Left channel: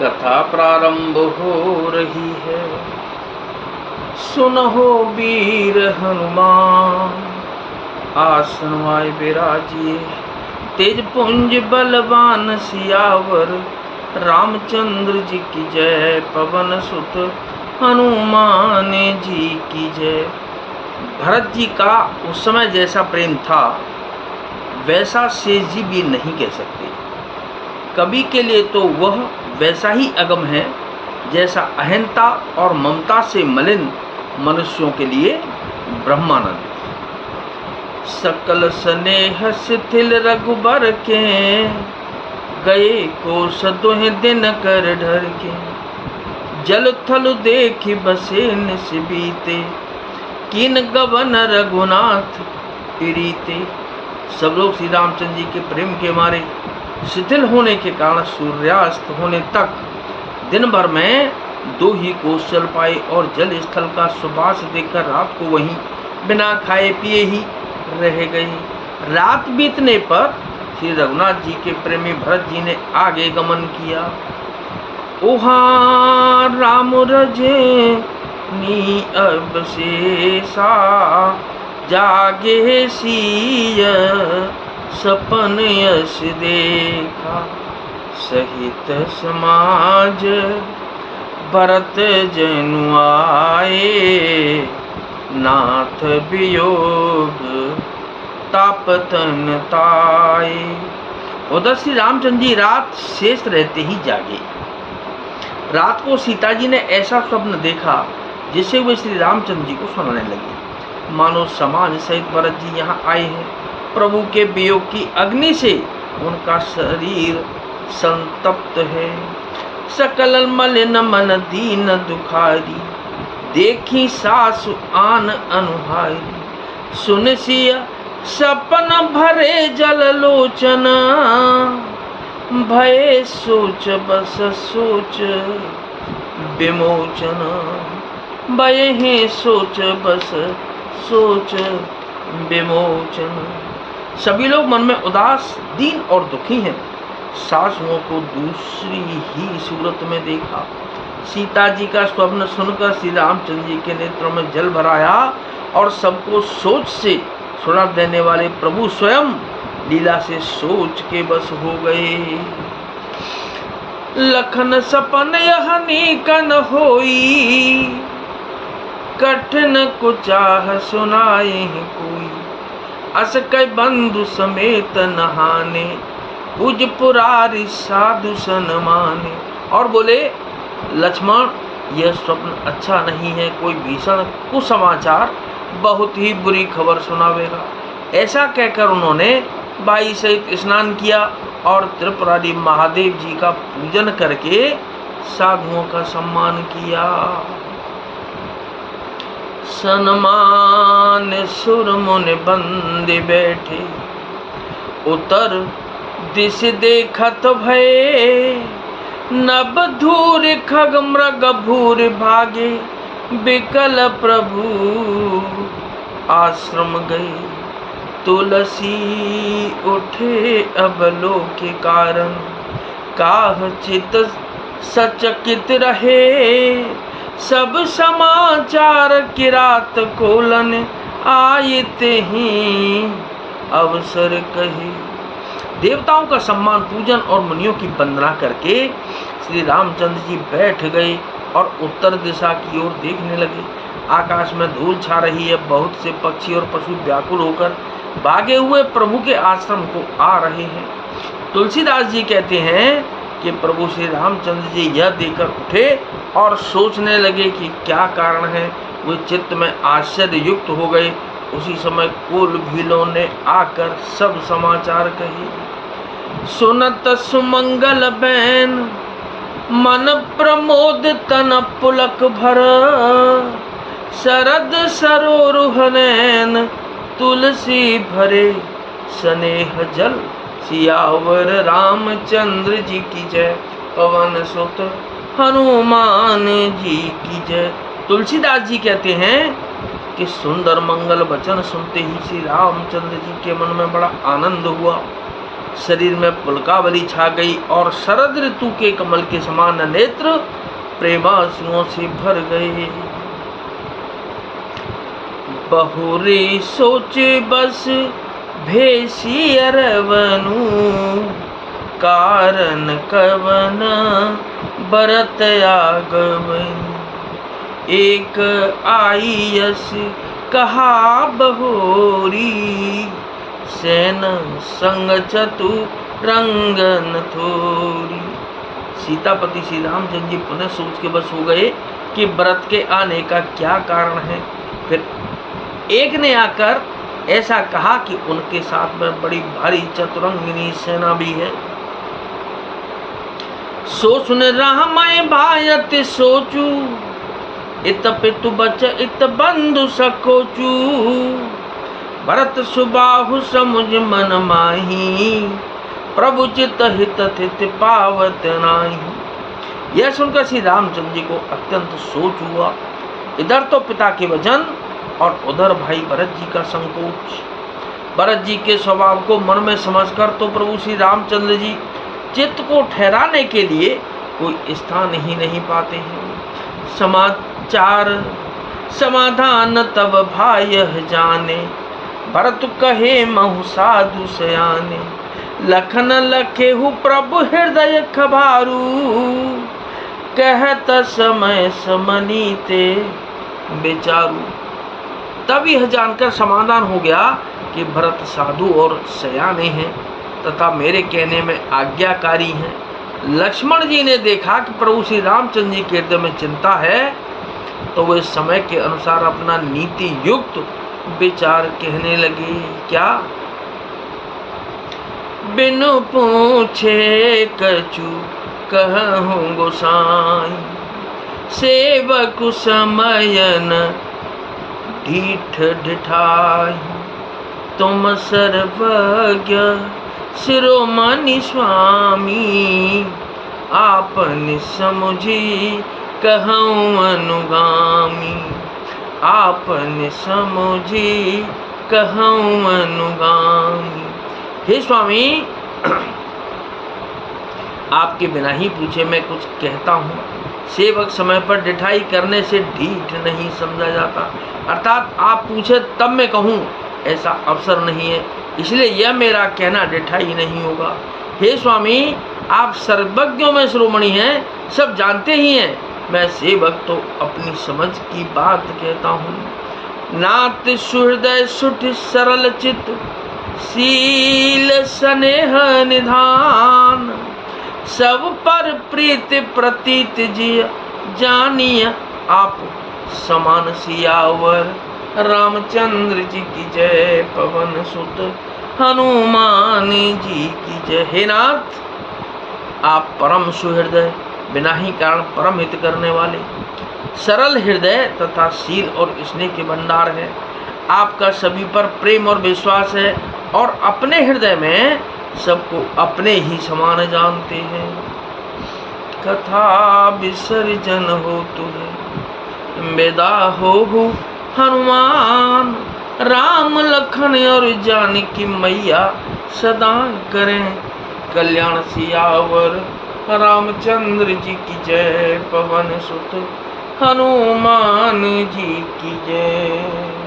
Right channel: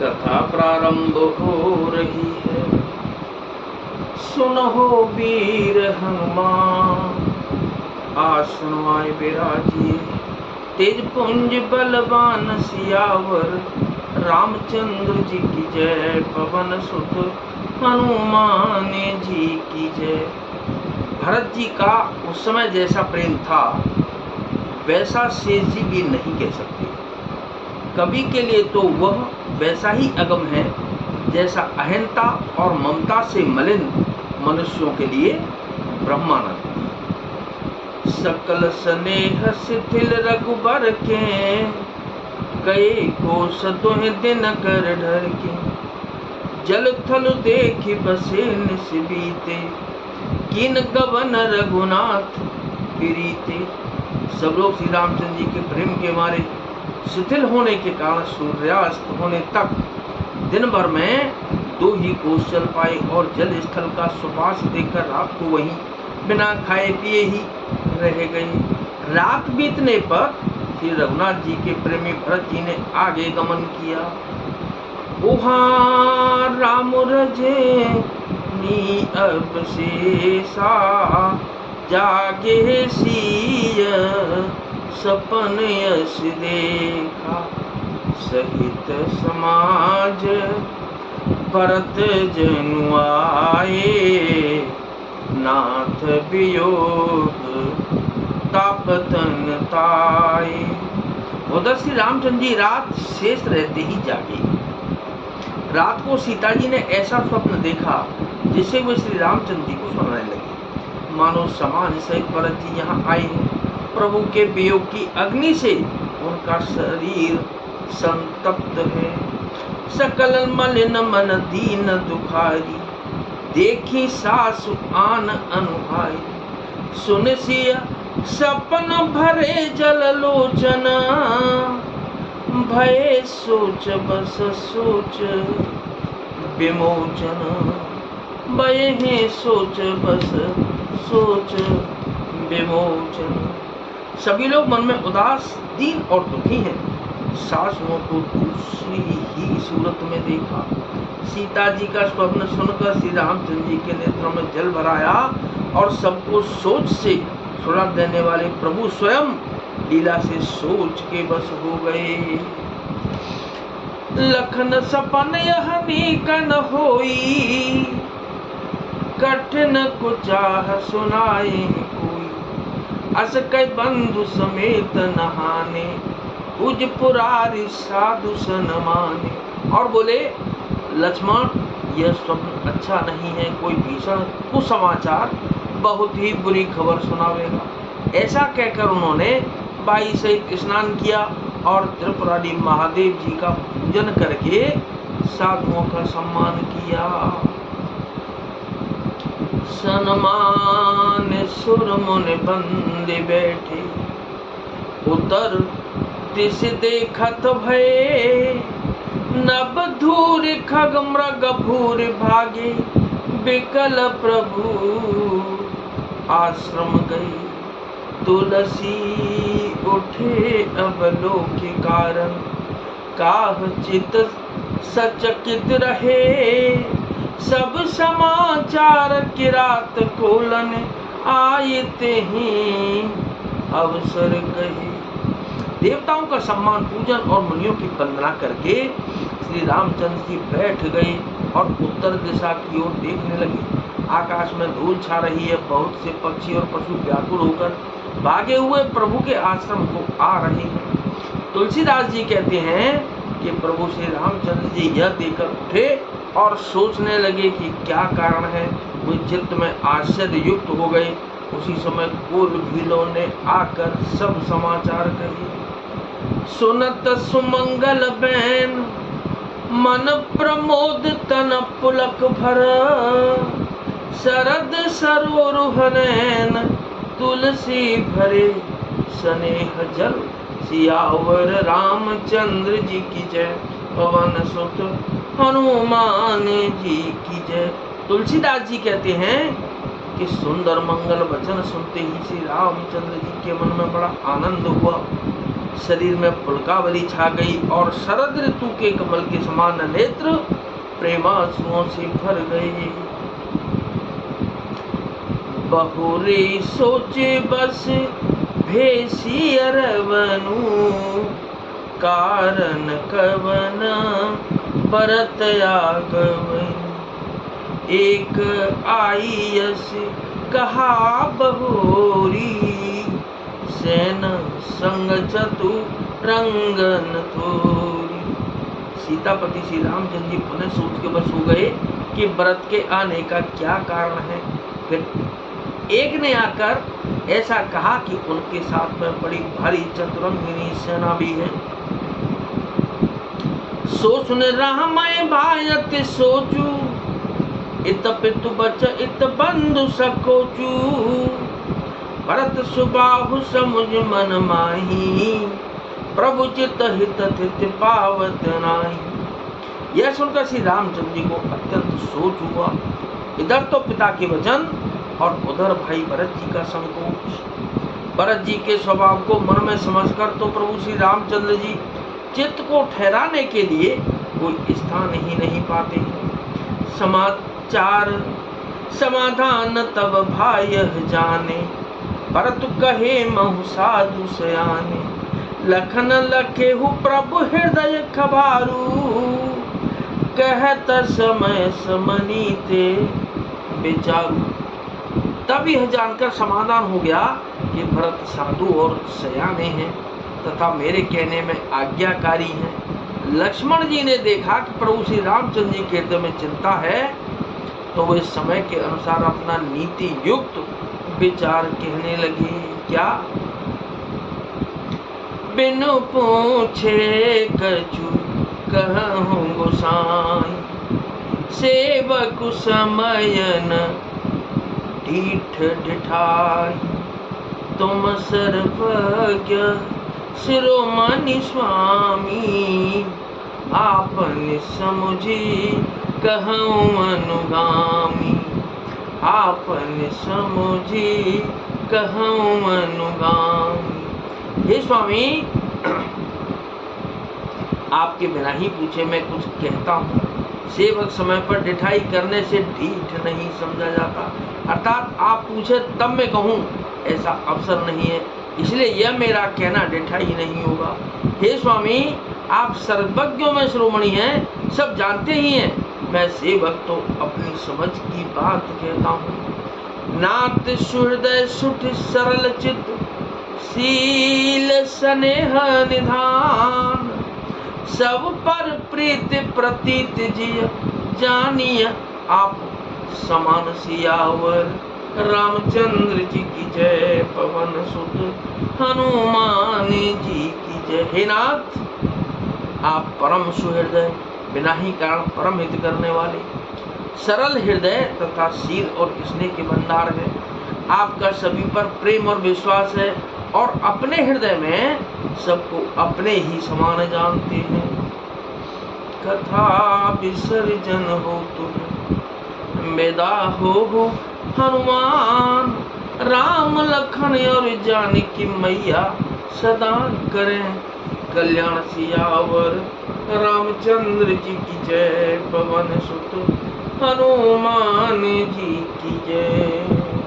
कथा प्रारंभ हो रही है। सुनहो वीर हनुमान, आसन माय विराजिए। तेज पुंज बलवान सियावर, रामचंद्र जी की जय। पवन सुत हनुमान जी की जय। भरत जी का उस समय जैसा प्रेम था वैसा शेष जी भी नहीं कह सकते। कवि के लिए तो वह वैसा ही अगम है जैसा अहंता और ममता से मलिन मनुष्यों के लिए ब्रह्मानंद। सकल स्नेह शिथिल रघुबर के, गए कोस दुहि दिन कर ढर के। जल थल देखि बसे निस बीते, किन गवन रघुनाथ प्रीते। सब लोग श्री रामचंद्र जी के प्रेम के मारे शिथिल होने के कारण सूर्यास्त होने तक दिन भर में 2 ही कोस चल पाए और जल स्थल का सुबास देखकर रात को वहीं बिना खाए पिए ही रह गए। रात बीतने पर श्री रघुनाथ जी के प्रेमी भरत जी ने आगे गमन किया। ओहा राम रजे नी अब शेषा, जागे सिय सपन यश देखा। सहित समाज भरत जनु आए, नाथ वियोग तापतन ताए। उधर श्री रामचंद्र जी रात शेष रहते ही जागे। रात को सीता जी ने ऐसा स्वप्न देखा जिससे वे श्री रामचंद्र जी को सुनाने लगे। मानो समाज सहित भरत जी यहाँ आए हैं। प्रभु के वियोग की अग्नि से उनका शरीर संतप्त है। सकल मलिन मन दीन दुखारी, देखी सासु आन अनुहारी। सुन सिय सपन भरे जल लोचन, भय सोच बस सोच विमोचन। भय सोच बस सोच विमोचन। सभी लोग मन में उदास, दीन और दुखी हैं। सासुओं को दूसरी ही सूरत में देखा। सीता जी का स्वप्न सुनकर श्री रामचंद्र जी के नेत्रों में जल भर आया और सबको सोच से सुना देने वाले प्रभु स्वयं लीला से सोच के बस हो गए। लखन सपन यह नीकन होई, कठिन कुचाह सुनाए कोई। अस कई बंधु समेत नहाने, उज पुरारी साधु सन माने। और बोले लक्ष्मण, यह स्वप्न अच्छा नहीं है, कोई भीषण कुसमाचार, बहुत ही बुरी खबर सुनावेगा। ऐसा कहकर उन्होंने बाई सहित स्नान किया और त्रिपुरारी महादेव जी का पूजन करके साधुओं का सम्मान किया। सन्मान सुर मुनि बंदे बैठे, उतर दिश देखत भये। नभ धूर खग मृग भूर भागे, बिकल प्रभु आश्रम गए। तुलसी उठे अवलोके कारण, काह चित सचकित रहे। सब समाचार किरात कोलन, आयते ही अवसर कहे। देवताओं का सम्मान, पूजन और मुनियों की वंदना करके श्री रामचंद्र जी बैठ गए और उत्तर दिशा की ओर देखने लगे। आकाश में धूल छा रही है। बहुत से पक्षी और पशु व्याकुल होकर भागे हुए प्रभु के आश्रम को आ रहे हैं। तुलसीदास जी कहते हैं कि प्रभु श्री रामचंद्र जी यह देखकर उठे और सोचने लगे कि क्या कारण है। वे चित्त में आश्चर्य युक्त हो गए। उसी समय कुल भीलों ने आकर सब समाचार कहे। सुनत सुमंगल बैन, मन प्रमोद तन पुलक भर। शरद सरोरुह नैन, तुलसी भरे स्नेह जल। सियावर रामचंद्र जी की जय, पवन सुत हनुमान जी की जय। तुलसीदास जी कहते हैं कि सुंदर मंगल वचन सुनते ही श्री रामचंद्र जी के मन में बड़ा आनंद हुआ। शरीर में पुलकावली छा गई और शरद ऋतु के कमल के समान नेत्र प्रेमाश्रुओं से भर गए। बहुरे सोच बस भेसी अरवनु, कारण कवन बरत आगमन। एक आईयस कहा बहोरी, सेन संग चतु रंगन थोरी। सीतापति श्री रामचंद्र जी पुनः सोच के बस हो गए कि व्रत के आने का क्या कारण है। फिर एक ने आकर ऐसा कहा कि उनके साथ में बड़ी भारी चतुरंगिनी सेना भी है। सो सुन रामाय भायत सोचू, इत पितु बच इत बंधु सकोचू। भरत सुबाहु समुझ मन माही, प्रभु चित हित थित पावत नाही। यह सुनकर श्री रामचंद्र जी को अत्यंत सोच हुआ। इधर तो पिता के वचन और उधर भाई भरत जी का संकोच। भरत जी के स्वभाव को मन में समझकर तो प्रभु श्री रामचंद्र जी चित्त को ठहराने के लिए कोई स्थान ही नहीं पाते हैं। समाचार समाधान तब भाई जाने, भरत कहे महु साधु सयाने। लखन लखेहु प्रभु हृदय खबारू, कहत समय समनीते बेचारू। तब यह जानकर समाधान हो गया कि भरत साधु और सयाने हैं तथा मेरे कहने में आज्ञाकारी हैं। लक्ष्मण जी ने देखा कि प्रभु श्री रामचंद्र जी के हृदय में चिंता है, तो वे समय के अनुसार अपना नीति युक्त विचार कहने लगे। क्या? बिनु पूछे कछु कहूँ गोसाई, सेवक समयन ढीठ ढिठाई। तुम सर्वज्ञ शिरोमणि स्वामी, आपन समुझी कहूँ अनुगामी। आपन समुझी कहूँ अनुगामी। हे स्वामी, आपके बिना ही पूछे मैं कुछ कहता हूँ। सेवक समय पर ढिठाई करने से ढीठ नहीं समझा जाता, अर्थात आप पूछे तब मैं कहूँ ऐसा अवसर नहीं है, इसलिए यह मेरा कहना ढिठाई नहीं होगा। हे स्वामी, आप सर्वज्ञों में शिरोमणि हैं, सब जानते ही हैं। मैं सेवक तो अपनी समझ की बात कहता हूँ। नाथ सुहृदय सुठ सरल चित, शील स्नेह निधान। सब पर प्रीति प्रतीत जिय, जानिए आप समान सियावर। रामचंद्र जी की जय, पवन सुत हनुमान जी की जय। हे नाथ, आप परम सुहृदय, बिना ही कारण परम हित करने वाले, सरल हृदय तथा शील और स्नेह के भंडार है। आपका सभी पर प्रेम और विश्वास है और अपने हृदय में सबको अपने ही समान जानते हैं। कथा विसर्जन हो तुहे, बेदा हो हनुमान। राम लखन और जानकी मैया, सदा करें कल्याण सियावर। रामचंद्र जी की जय, पवन सुत हनुमान जी की जय।